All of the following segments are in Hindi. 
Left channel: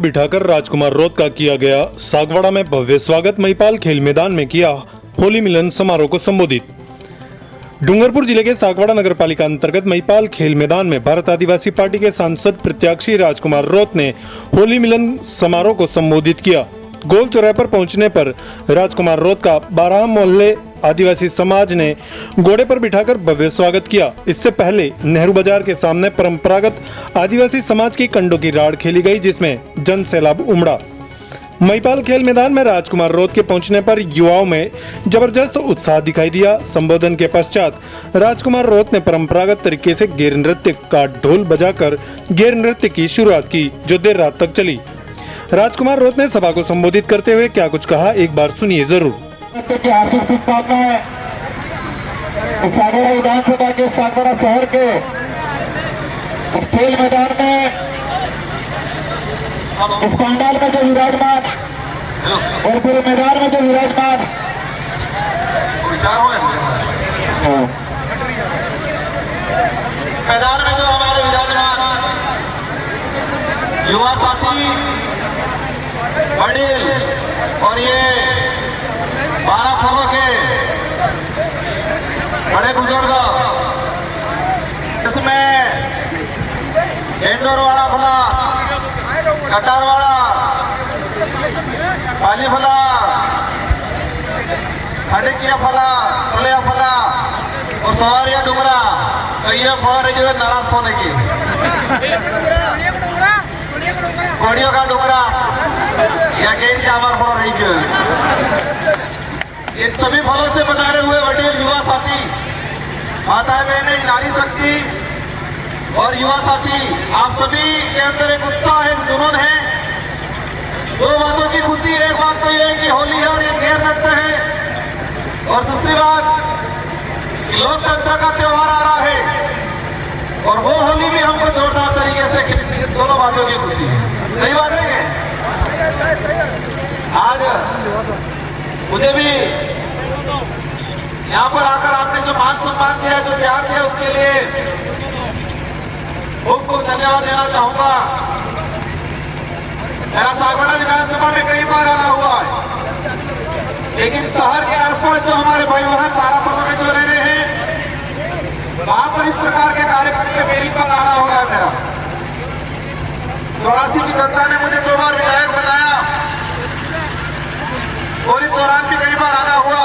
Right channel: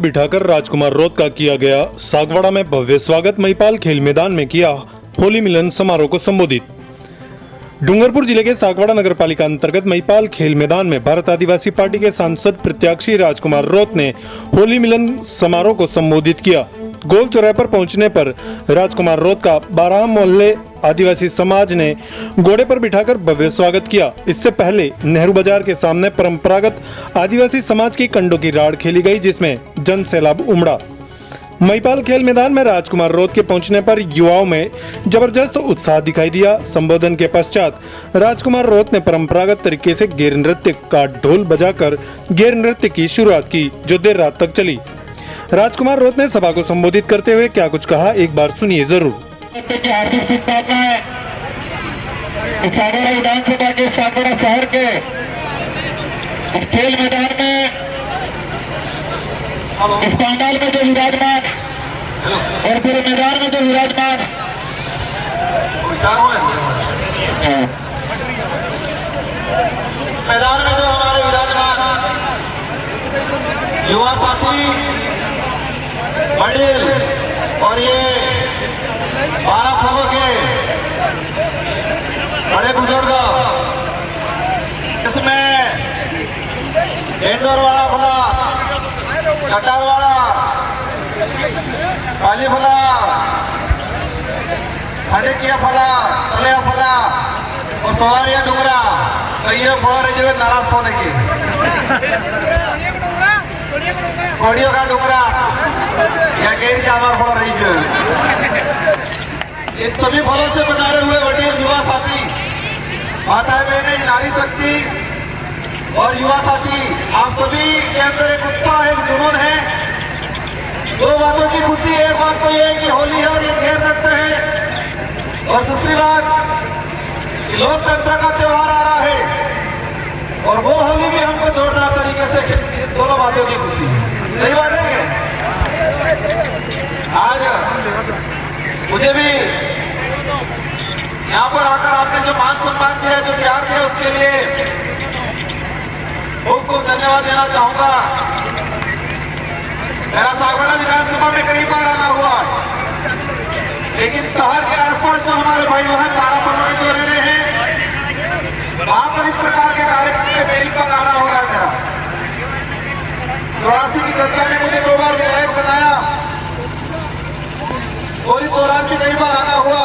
बिठाकर राजकुमार रोत का किया गया सागवाड़ा में भव्य स्वागत। महिपाल खेल मैदान में किया होली मिलन समारोह को संबोधित। डूंगरपुर जिले के सागवाड़ा नगर पालिका अंतर्गत महिपाल खेल मैदान में भारत आदिवासी पार्टी के सांसद प्रत्याशी राजकुमार रोत ने होली मिलन समारोह को संबोधित किया। गोल चौराहे पर पहुंचने पर राजकुमार रोत का 12 मोहल्ले आदिवासी समाज ने घोड़े पर बिठाकर भव्य स्वागत किया। इससे पहले नेहरू बाजार के सामने परंपरागत आदिवासी समाज की कंडों की राड़ खेली गई, जिसमें जन सैलाब उमड़ा। महिपाल खेल मैदान में राजकुमार रोत के पहुंचने पर युवाओं में जबरदस्त उत्साह दिखाई दिया। संबोधन के पश्चात राजकुमार रोत ने परंपरागत तरीके से गेर नृत्य का ढोल बजाकर गेर नृत्य की शुरुआत की, जो देर रात तक चली। राजकुमार रोत ने सभा को संबोधित करते हुए क्या कुछ कहा, एक बार सुनिए जरूर। हार्दिक शुभकामनाएं। इस सागवाड़ा विधानसभा के सागवाड़ा शहर के इस खेल मैदान में, इस पंडाल में जो विराजमान और पूरे मैदान में जो विराजमान मैदान में जो हमारे विराजमान युवा साथी वडील और ये 12 फलों के बड़े बुजुर्ग, इसमें इंदौरवाड़ा फला, कटारवाड़ा, पाली फला, खड़किया फला, तलिया फला और सवारिया डुंगरा। तो ये फल रही है नाराज होने की कोड़ियों का डुंगरा या गेरी जावर फल रही है। इन सभी फलों से बनारे हुए वडील युवा साथी, माताएं बहनें, नारी शक्ति और युवा साथी, आप सभी के अंदर एक उत्साह, एक जुनून है। दो बातों की खुशी, एक बात तो ये है कि होली है और ये गेर नृत्य है, और दूसरी बात लोकतंत्र का त्योहार आ रहा है और वो होली भी हमको जोरदार तरीके से खेलनी है। दोनों बातों की खुशी है। सही बात है क्या? आज मुझे भी यहाँ पर आकर आपने जो मान सम्मान दिया, जो प्यार दिया, उसके लिए खूब खूब धन्यवाद देना चाहूंगा। मेरा सागवाड़ा विधानसभा में कई बार आना हुआ है, लेकिन शहर के आसपास जो हमारे भाई बहन 12 फलों में जो रह रहे हैं, वहां पर इस प्रकार के कार्यक्रम में पहली बार आना हो रहा है मेरा। 84 की जनता ने मुझे 2 बार विधायक बनाया और इस दौरान भी कई बार आना हुआ,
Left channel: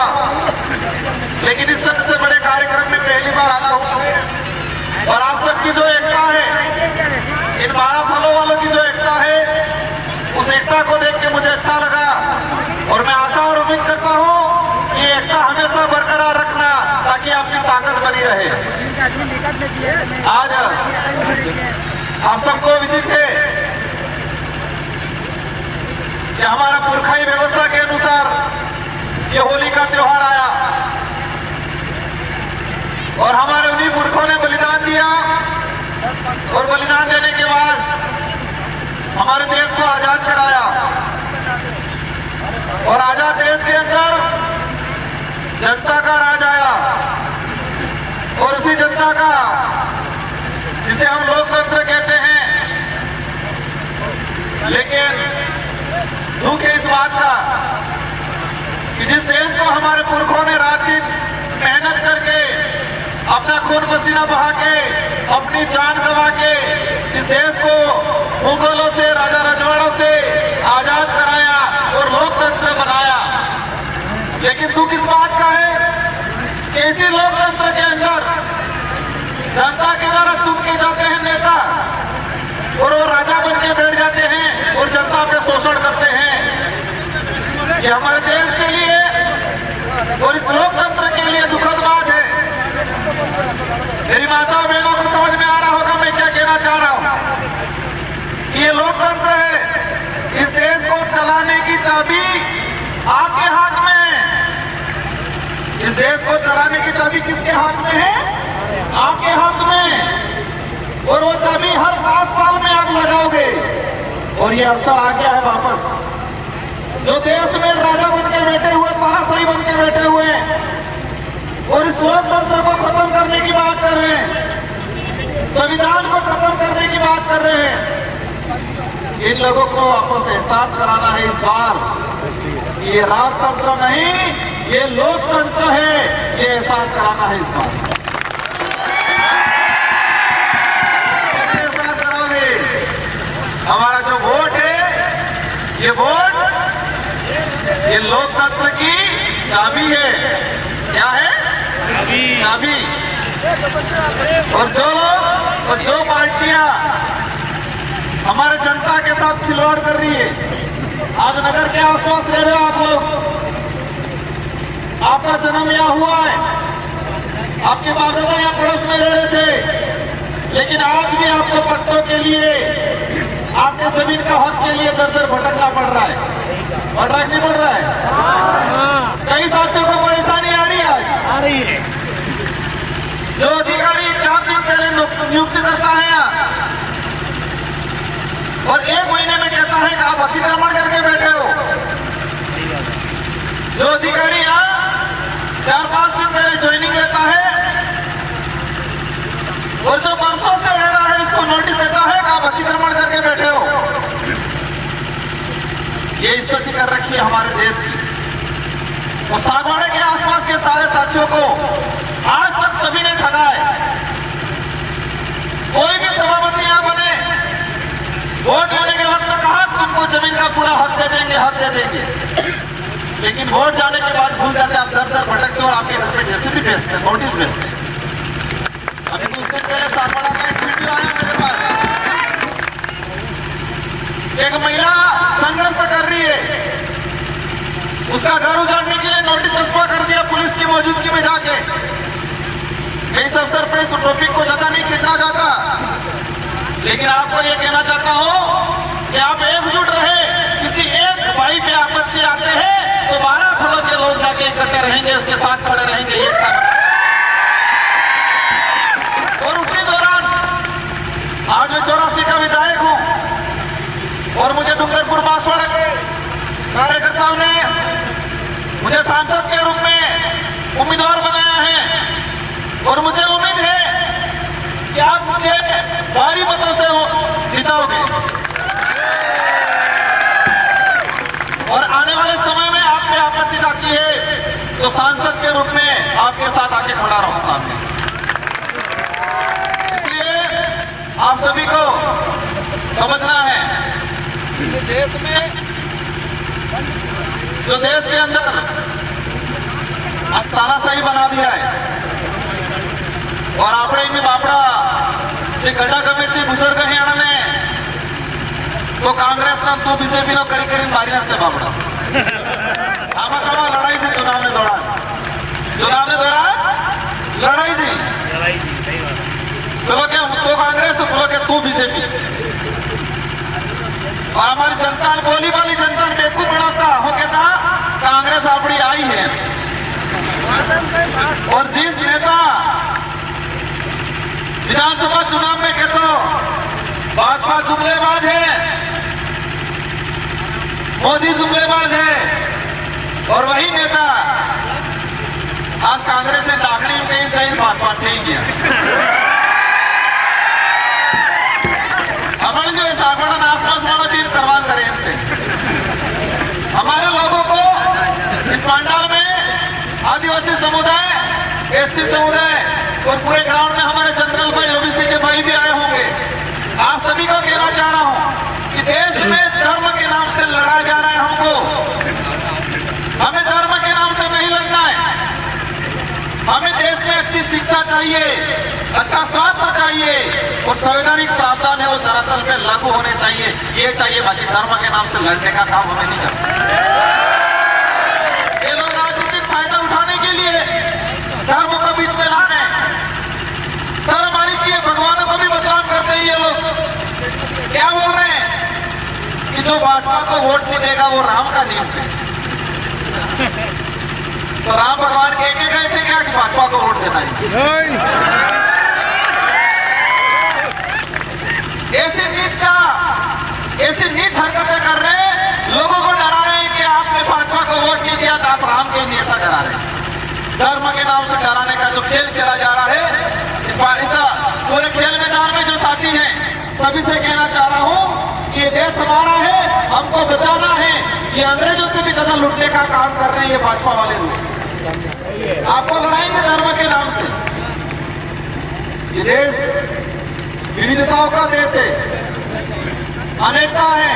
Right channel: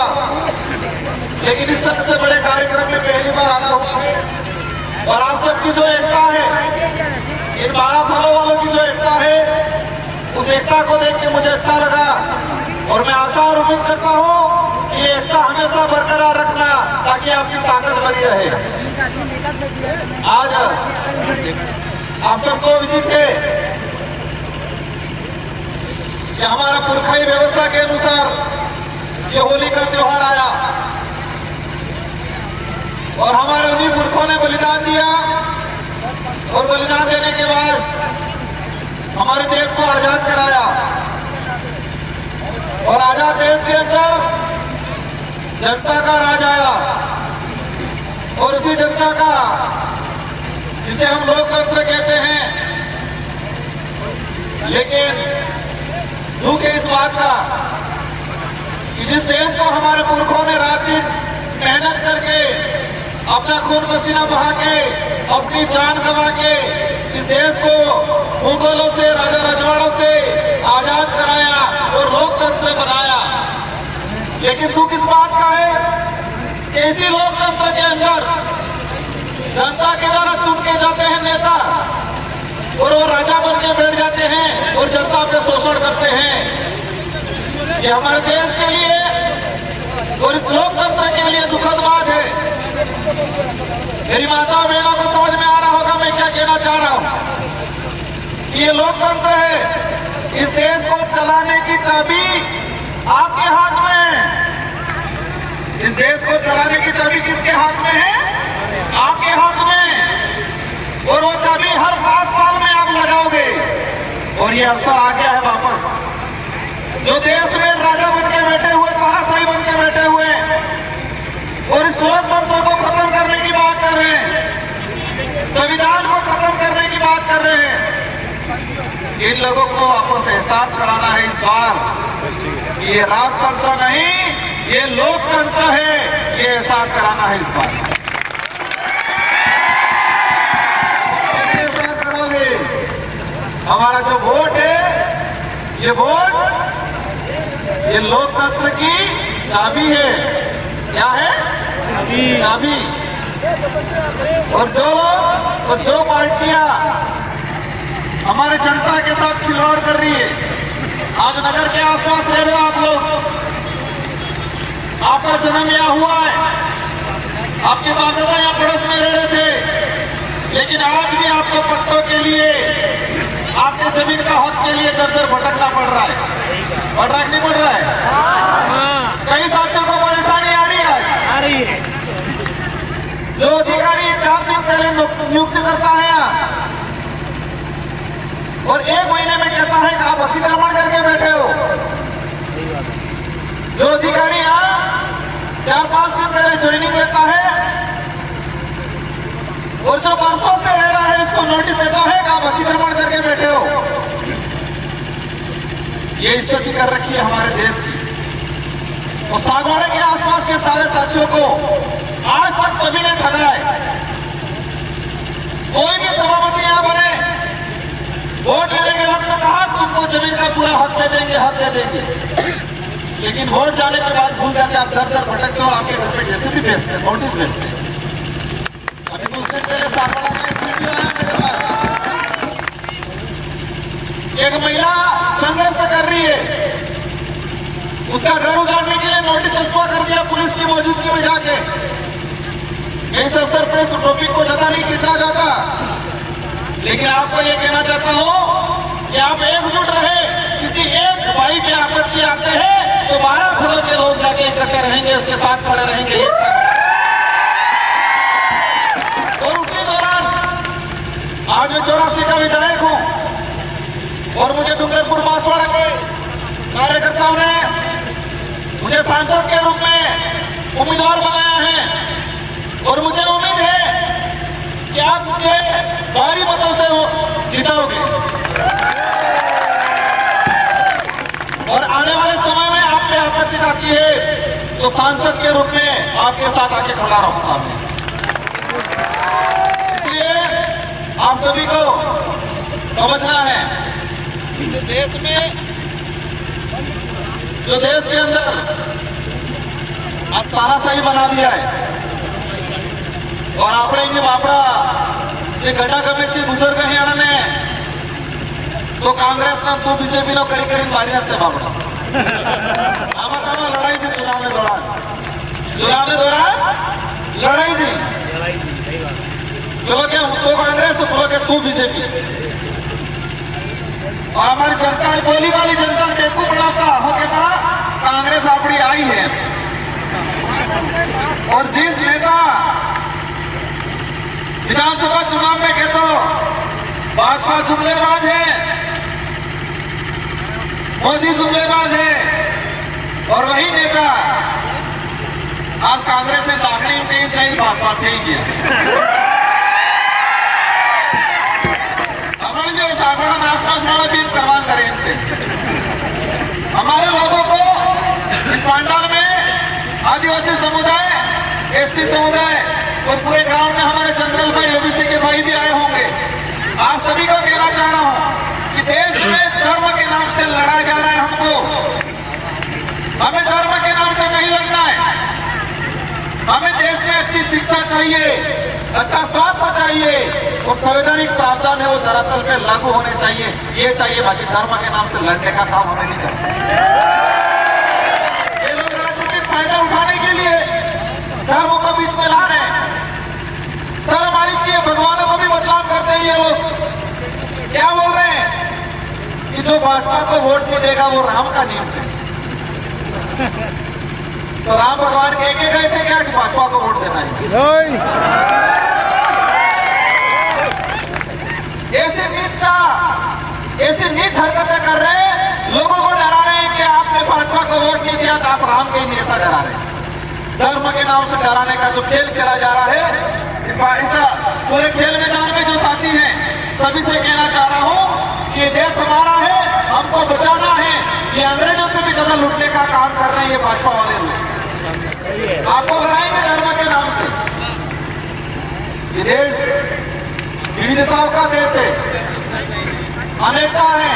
लेकिन इस तरह से बड़े कार्यक्रम में पहली बार आना हुआ है। और आप सबकी जो एकता है, इन 12 फलों वालों की जो एकता है, उस एकता को देख के मुझे अच्छा लगा और मैं आशा और उम्मीद करता हूँ कि एकता हमेशा बरकरार रखना, ताकि आपकी ताकत बनी रहे। आज आप सबको विदित है कि हमारा पुरखाई व्यवस्था के अनुसार ये होली का त्योहार आया और हमारे उन्हीं पुरखों ने बलिदान दिया और बलिदान देने के बाद हमारे देश को आजाद कराया। और आजाद देश के अंदर जनता का राज आया और उसी जनता का, जिसे हम लोकतंत्र कहते हैं। लेकिन दुख है इस बात का कि जिस देश को हमारे पुरखों ने रात दिन मेहनत करके, अपना खून पसीना बहा के, अपनी जान गंवा के इस देश को मुगलों से, राजा रजवाड़ों से आजाद कराया और लोकतंत्र बनाया। लेकिन दुख इस बात का है कि इसी लोकतंत्र के अंदर जनता के द्वारा चुन के जाते हैं नेता और वो राजा बन के बैठ जाते हैं और जनता पे शोषण करते हैं। ये हमारे देश के लिए और इस लोकतंत्र के लिए दुखद बात है। मेरी माता बहनों को समझ में आ रहा होगा मैं क्या कहना चाह रहा हूं कि ये लोकतंत्र है। इस देश को चलाने की चाबी आपके हाथ में है। इस देश को चलाने की चाबी किसके हाथ में है? आपके हाथ में। और वो चाबी हर 5 साल में आप लगाओगे और ये अवसर आ गया है वापस। जो देश में राजा बन के बैठे हुए, तानाशाही बन के बैठे हुए और इस लोकतंत्र को खत्म करने की बात कर रहे हैं, संविधान को खत्म करने की बात कर रहे हैं, इन लोगों को आपस एहसास कराना है इस बार कि ये राजतंत्र नहीं, ये लोकतंत्र है, ये एहसास कराना है इस बार। कैसे एहसास करोगे? हमारा जो वोट है, ये वोट ये लोकतंत्र की चाबी है। क्या है? चाबी। और जो लोग और जो पार्टियां हमारे जनता के साथ खिलवाड़ कर रही है, आज नगर के आसपास रह रहे हो आप लोग, आपका जन्म यहाँ हुआ है, आपके बाप दादा यहाँ पड़ोस में रह रहे थे, लेकिन आज भी आपको पट्टों के लिए, आपके जमीन का हक के लिए दर दर भटकना पड़ रहा है। पड़ रहा है कि नहीं पड़ रहा है? कई साथियों को परेशानी आ रही है आज। जो अधिकारी 4 दिन पहले नियुक्त करता है यहाँ और 1 महीने में कहता है कि आप अतिक्रमण करके बैठे हो। जो अधिकारी यहाँ 4-5 दिन पहले ज्वाइनिंग देता है और जो बरसों से रह रहा है इसको नोटिस देता है कि आप अतिक्रमण करके बैठे हो। ये स्थिति कर रखी है हमारे देश की। और सागवाड़े के आसपास के सारे साथियों को आज तक सभी ने ठगा है। कोई भी सभापति यहाँ बने, वोट लेने के वक्त कहा तुमको जमीन का पूरा हक दे देंगे, हक दे देंगे, लेकिन वोट जाने के बाद भूल जाते, आप दर दर भटकते और आपके घर पे जैसे भी भेजते हैं, नोटिस भेजते हैं। अभी कुछ दिन पहले सागवाड़ा का एक वीडियो आया मेरे पास, एक महिला संघर्ष कर रही है, उसका घर उजाड़ने के लिए नोटिस चस्पा कर दिया पुलिस की मौजूदगी में जाके। मैं इस अवसर पर इस टॉपिक को ज्यादा नहीं खींचना चाहता, लेकिन आपको ये कहना चाहता हूं कि आप एकजुट रहे। किसी एक भाई पे आपत्ति आते हैं तो 12 घरों के लोग जाके इकट्ठे रहेंगे, उसके साथ खड़े रहेंगे। और उसी दौरान आज मैं 84 का विधायक हूं और मुझे डूंगरपुर बांसवाड़ा के कार्यकर्ताओं ने मुझे सांसद के रूप में उम्मीदवार बनाया है और मुझे उम्मीद है कि आप मुझे भारी मतों से जिताओगे और आने वाले समय में आप पे आपत्ति आती है तो सांसद के रूप में आपके साथ आके खड़ा रहूंगा मैं। इसलिए आप सभी को समझना है कि देश में, जो देश के अंदर आज तानाशाही बना दिया है और આપણે જે બાપડા જે ગડા ગમે તે બુઝુર્ગ હેણાને તો કાંગ્રેસના તો બીજેપીનો કરી કરીને મારી નાખશે બાપડા। આમાં તમારા લડાઈ છે ચુનાવને દોરાન લડાઈ છે, બોલો કે હું તો कांग्रेस, बोलो कि तू बीजेपी। और हमारी जनता ने, बोली वाली जनता ने बेवकूफ बनाता हो, कहता कांग्रेस अपनी आई है। और जिस नेता विधानसभा चुनाव में कहते भाजपा जुमलेबाज है, मोदी जुमलेबाज है, और वही नेता आज कांग्रेस ने लाखड़ी में कहीं जाए भाजपा थे गया। हमारे जो सागवाड़ा आसपास वाला बिल करवा करें थे, हमारे लोगों को इस पंडाल में आदिवासी समुदाय, एससी समुदाय और पूरे ग्राउंड में हमारे जनरल भाई, ओबीसी के भाई भी आए होंगे। आप सभी को कहना चाह रहा हूं कि देश में धर्म के नाम से लड़ाया जा रहा है हमको। हमें धर्म के नाम से नहीं लड़ना है। हमें देश में अच्छी शिक्षा चाहिए, अच्छा स्वास्थ्य चाहिए और संवैधानिक प्रावधान है वो धरातल पे लागू होने चाहिए। ये चाहिए, बाकी धर्म के नाम से लड़ने का काम हमें नहीं करना। ये लोग राजनीतिक फायदा उठाने के लिए धर्म को बीच में ला रहे हैं। सर हमारी चाहिए, भगवानों को भी बदनाम करते हैं ये लोग। क्या बोल रहे हैं कि जो भाजपा को वोट नहीं देगा वो राम का नियम है। तो राम भगवान कह के गए थे क्या कि भाजपा को वोट देना है? ऐसी नीच हरकतें कर रहे हैं, लोगों को डरा रहे हैं कि आपने भाजपा को वोट नहीं दिया तो आप राम के लिए ऐसा डरा रहे हैं। धर्म के नाम से डराने का जो खेल खेला जा रहा है, इस पूरे खेल मैदान में जो साथी हैं सभी से कहना चाह रहा हूं ये देश हमारा है, हमको बचाना है। ये अंग्रेजों से भी ज्यादा लूटने का काम कर रहे हैं ये भाजपा वाले लोग। आपको लड़ाएंगे धर्म के नाम से। ये देश विविधताओं का देश है, अनेकता है,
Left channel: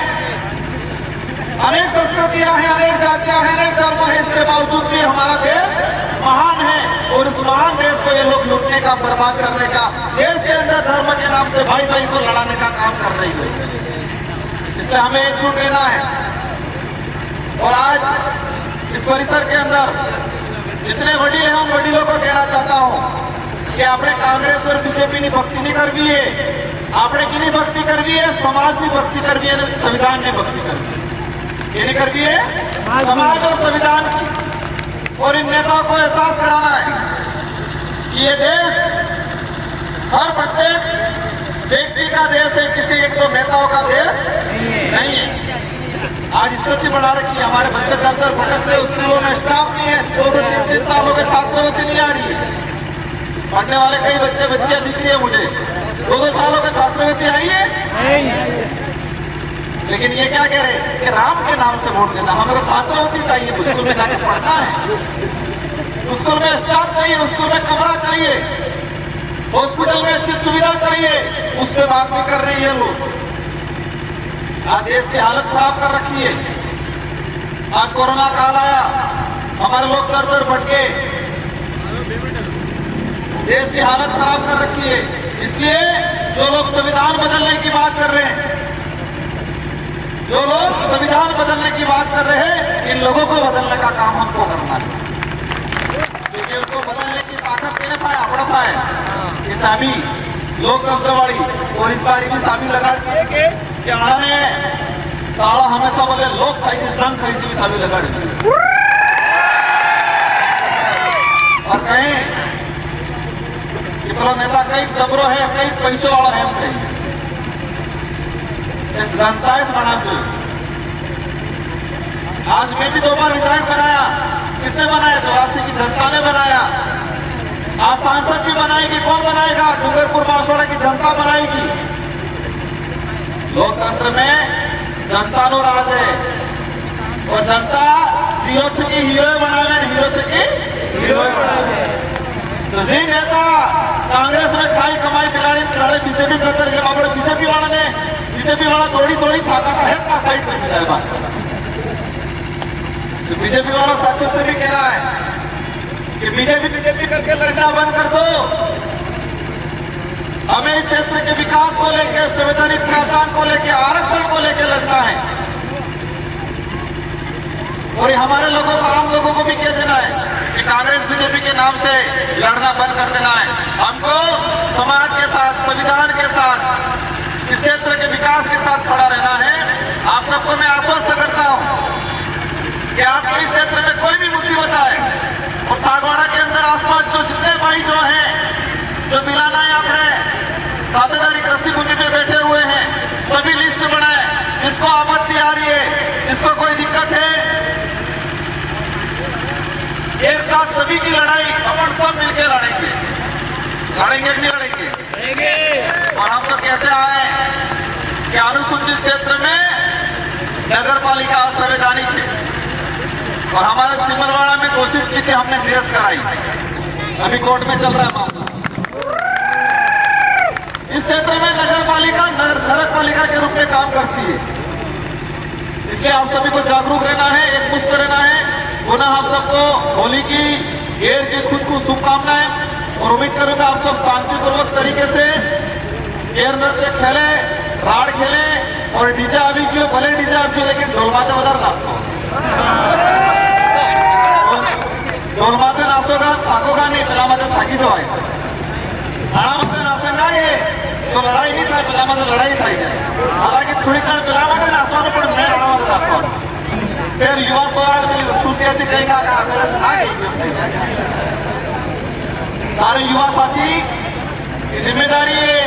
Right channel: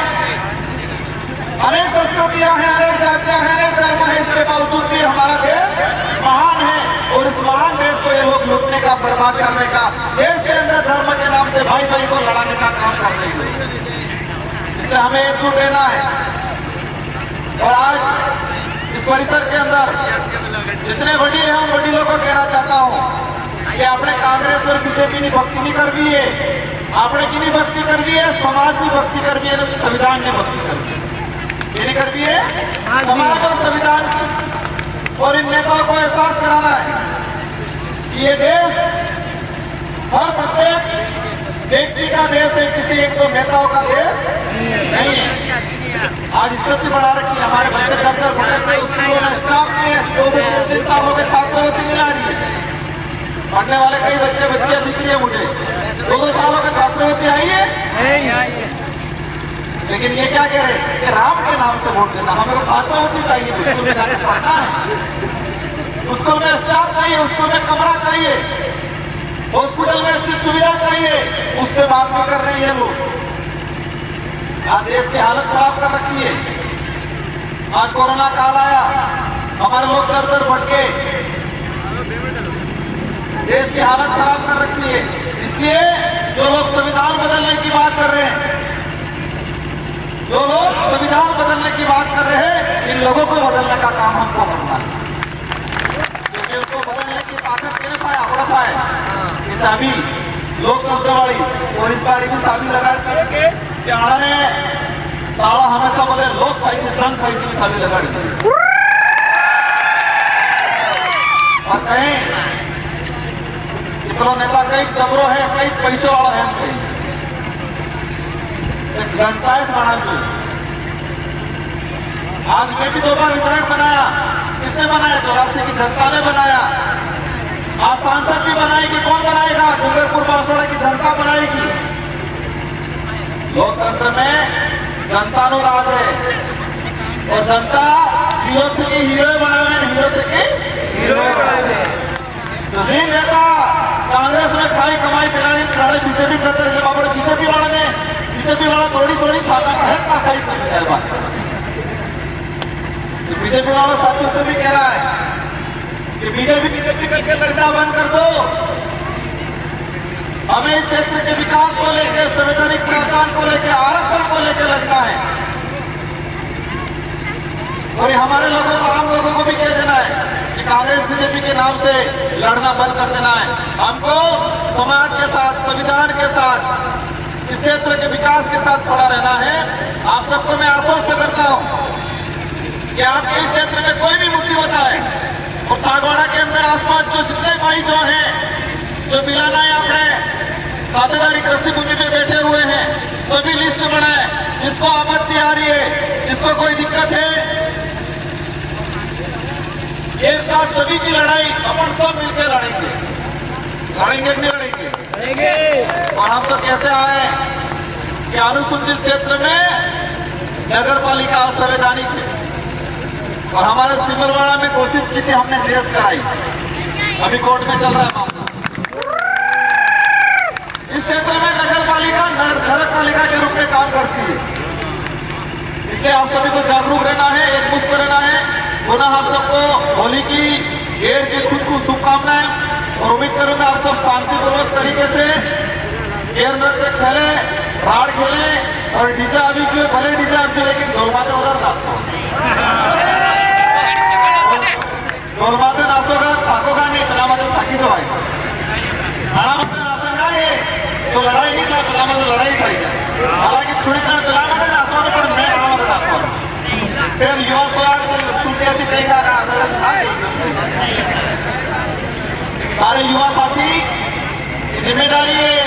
अनेक संस्कृतियां हैं, अनेक जातियां हैं, अनेक धर्म है। इसके बावजूद भी हमारा देश महान है और इस महान देश को ये लोग लूटने का, बर्बाद करने का, देश के अंदर धर्म के नाम से भाई भाई को लड़ाने का काम कर रही है। इसलिए हमें एकजुट रहना है। और आज इस परिसर के अंदर जितने वडील हैं उन वडीलों को कहना चाहता हूं कि आपने कांग्रेस और बीजेपी ने भक्ति नहीं करवी है, आपने की नहीं भक्ति करवी है, समाज भी भक्ति करवी है, संविधान ने भक्ति करवी है। ये नहीं करवी है समाज और संविधान की। और इन नेताओं को एहसास कराना है कि ये देश हर प्रत्येक व्यक्ति का देश है, किसी एक दो नेताओं का देश नहीं है। आज स्थिति बढ़ा रखी है, हमारे बच्चे दर दर भटक रहे, स्कूलों में स्टाफ नहीं है, 2-3 साल हो गए छात्रवृत्ति नहीं आ रही है। पढ़ने वाले कई बच्चे दिख रही है मुझे, 2-2 सालों की छात्रवृत्ति आई है। लेकिन ये क्या कह रहे हैं कि राम के नाम से वोट देना, हमें तो छात्रवृत्ति चाहिए, स्कूल में जाके पढ़ना है, स्कूल में स्टाफ चाहिए, स्कूल में कमरा चाहिए, हॉस्पिटल में अच्छी सुविधा चाहिए, उस पर बात नहीं कर रहे हैं लोग। आज देश की हालत खराब कर रखी है। आज कोरोना काल आया, हमारे लोग दर दर भटके, देश की हालत खराब कर रखी है। इसलिए जो लोग संविधान बदलने की बात कर रहे हैं, जो लोग संविधान बदलने की बात कर रहे हैं, इन लोगों को बदलने का काम हमको करना है। क्योंकि उनको बदलने की ताकत मेरे पाए, अपना पाए। ये चाबी लोकतंत्र वाली, और इस बार भी चाबी लगा कि आने ताला हमेशा बोले लोग खाई से संघ खाई से भी चाबी लगा दी। और कहीं इतना नेता कई जबरो है, कई पैसे वाला है, कहीं जनता है बना। आज मैं भी 2 बार विधायक बनाया, किसने बनाया? 84 की जनता ने बनाया। आज सांसद भी बनाएगी, कौन बनाएगा? डूंगरपुर बांसवाड़ा की जनता बनाएगी। लोकतंत्र में जनता नो राज है और जनता जीरो थी हीरो बनावे, हीरो थी हीरो बनावे। तो जी नेता कांग्रेस में खाई कमाई पिलाई बीजेपी करते रहे, बाबा बीजेपी वाला थोड़ी खाता है का साइड कर दिया है बात। तो बीजेपी वाला साथियों से भी कह रहा है कि बीजेपी करके लड़ना बंद कर दो। हमें इस क्षेत्र के विकास को लेकर, संवैधानिक प्रावधान को लेकर, आरक्षण को लेकर लड़ना है। और ये हमारे लोगों को, आम लोगों को भी कह देना है कि कांग्रेस बीजेपी के नाम से लड़ना बंद कर देना है। हमको समाज के साथ, संविधान के साथ, इस क्षेत्र के विकास के साथ खड़ा रहना है। आप सबको मैं आश्वस्त करता हूं कि आपके इस क्षेत्र में कोई भी मुसीबत आए, और सागवाड़ा के अंदर आसपास जो जितने भाई जो हैं, जो मिलाना है आपने खातेदारी कृषि भूमि पे बैठे हुए हैं, सभी लिस्ट बनाए। जिसको आपत्ति आ रही है, जिसको कोई दिक्कत है, एक साथ सभी की लड़ाई अपन सब मिलकर लड़ेंगे कि नहीं लड़ेंगे? और हम तो कहते आए कि अनुसूचित क्षेत्र में नगर पालिका असंवैधानिक है, और हमारे सिमरवाड़ा में कोशिश की थी, हमने केस कराई, अभी कोर्ट में चल रहा है मामला। इस क्षेत्र में नगर पालिका नरक पालिका के रूप में काम करती है। इसलिए आप सभी को जागरूक रहना है, एकमुश्त रहना है। पुनः आप सबको होली की ढेर की खुद को शुभकामनाएं, और उम्मीद करूंगा आप सब शांतिपूर्वक तरीके से गेर नृत्य खेले, राड़ खेले, और डीजे अभी क्यों भले डीजे अभी, लेकिन ढोलमाते बदल नाचो, ढोलमाते नाचोगा, थाकोगा नहीं, पिलामाते थाकी जो है, खानामाते नाचेगा ये तो लड़ाई नहीं था, पिलामाते लड़ाई खाई जाए। हालांकि थोड़ी कर पिलामाते नाचवा तो पर मैं हमारे नाचवा फिर युवा स्वराज सुनते थे कहीं जाना सारे युवा साथी की जिम्मेदारी है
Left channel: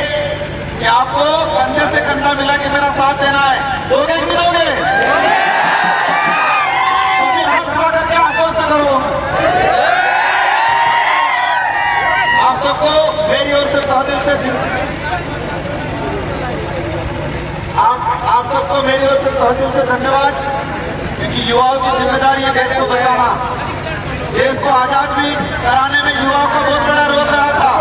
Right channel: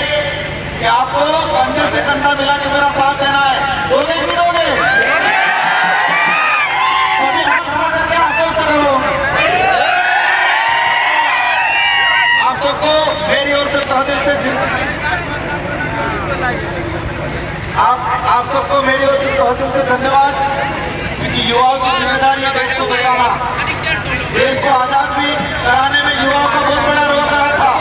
कि आपको कंधे से कंधा मिला के मेरा साथ देना है। दोगे कि दोगे? सभी हाथ खड़ा करके आश्वस्त करो। आप सबको मेरी ओर से तहे दिल से आप सबको मेरी ओर से तहे दिल से धन्यवाद, क्योंकि युवाओं की जिम्मेदारी है देश को बचाना। देश को आजाद भी कराने में युवाओं का बहुत बड़ा रोल रहा था।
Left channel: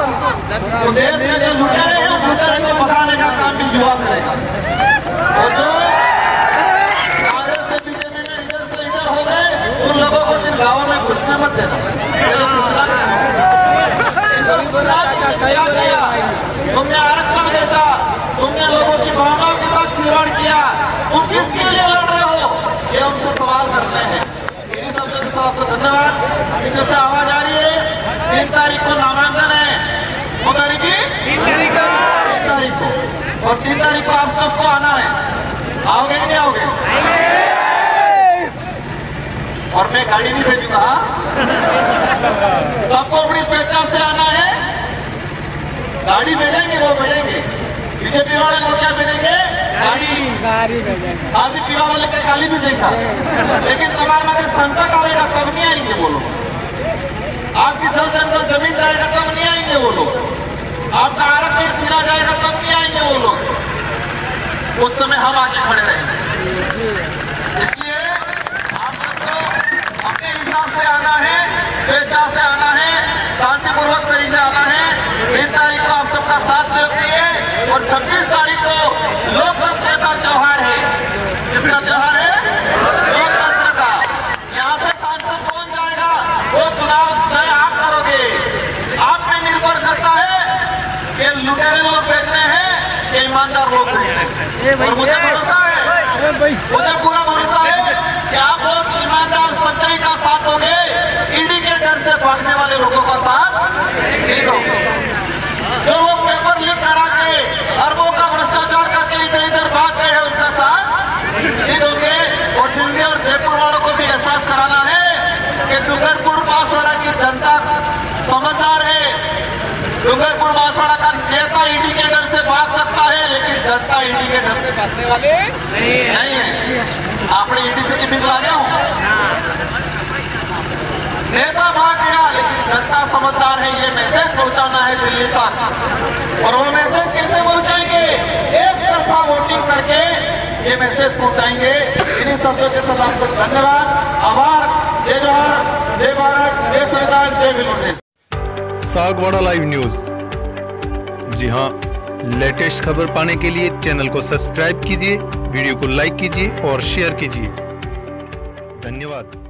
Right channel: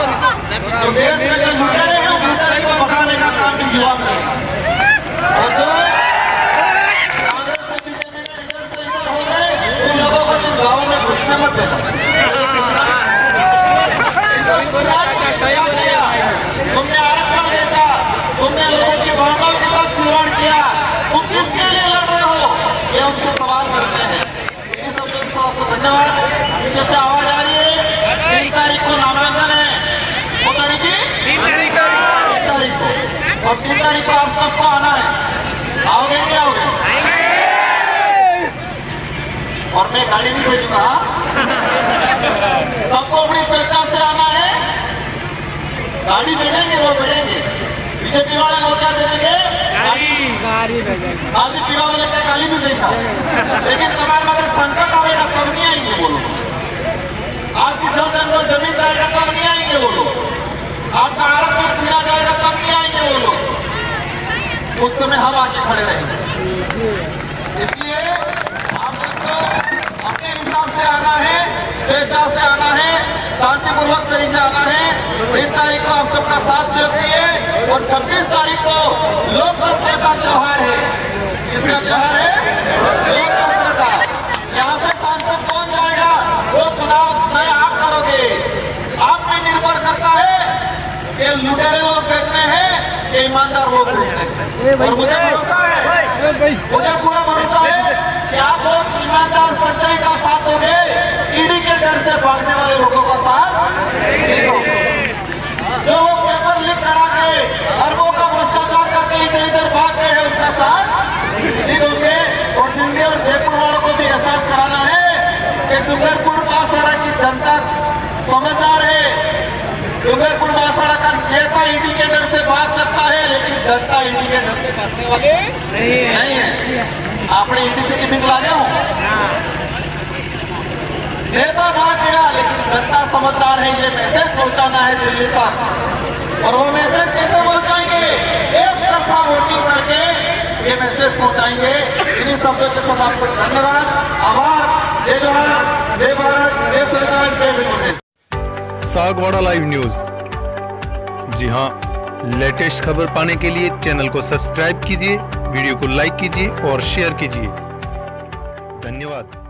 तो देश में जो लुटेरे हैं, लुटेरे को भगाने का काम भी युवा करेगा। और जो कांग्रेस से बीजेपी में इधर से इधर हो गए, उन लोगों को इन गाँवों में घुसने मत देना। पहले पूछना क्या किया, तुमने आरक्षण देता, तुमने लोगों की भावनाओं के साथ खिलवाड़ किया, तुम किसके लिए लड़ रहे हो, ये उनसे सवाल करते हैं। इन सबके साथ आपको धन्यवाद। पीछे से आवाज आ रही है, 3 तारीख को नामांकन है। वो तारीख की 3 तारीख को, और 3 तारीख को आप सबको आना है। आओगे नहीं आओगे? और मैं गाड़ी भी भेजूंगा। सबको अपनी स्वेच्छा से आना है। गाड़ी भेजेंगे, वो भेजेंगे। बीजेपी वाले वो क्या भेजेंगे? गाड़ी आज पीवा वाले के गाली भी सही था, लेकिन तुम्हारे अगर संकट आएगा तब नहीं आएंगे वो लोग। आपकी जल जंगल जमीन जाएगा तब नहीं आएंगे वो लोग। आपका आरक्षण छीना जाएगा तब नहीं आएंगे वो लोग। उस समय हम आगे खड़े रहेंगे। इसलिए आप सबको अपने हिसाब से आना है, स्वेच्छा से आना है, शांतिपूर्वक तरीके से आना है। 3 तारीख को आप सबका साथ सहयोग चाहिए, और 26 तारीख को लोकतंत्र का त्योहार है। किसका त्योहार है? लोकतंत्र का। यहाँ से सांसद कौन जाएगा, वो चुनाव तय आप करोगे। आप पे निर्भर करता है कि लुटेरे लोग बेच रहे हैं कि ईमानदार लोग बेच रहे हैं। और मुझे भरोसा है, मुझे पूरा भरोसा है कि आप लोग ईमानदार सच्चाई का साथ दोगे। ईडी के डर से भागने वाले लोगों का साथ नहीं दोगे। जो लोग पेपर लीक करा के अरबों का भ्रष्टाचार करके इधर इधर भाग गए हैं, उनका साथ नहीं दोगे। और दिल्ली और जयपुर वालों को भी एहसास कराना है कि डूंगरपुर बांसवाड़ा की जनता समझदार है। डूंगरपुर बांसवाड़ा का नेता ईडी के डर से भाग सकता है, लेकिन जनता ईडी के डर से भागने वाले नहीं है। आपने ईडी से कितनी बुला गया? नेता भाग गया, लेकिन जनता समझदार है। ये मैसेज पहुंचाना है दिल्ली तक। और वो मैसेज कैसे पहुंचाएंगे? एक तरफा वोटिंग करके ये मैसेज पहुंचाएंगे। इन्हीं शब्दों के साथ आपको धन्यवाद, आभार। जय जवान, जय भारत, जय संविधान, जय भीम। Sagwara live news. जी हाँ, लेटेस्ट खबर पाने के लिए चैनल को सब्सक्राइब कीजिए, वीडियो को लाइक कीजिए और शेयर कीजिए। धन्यवाद।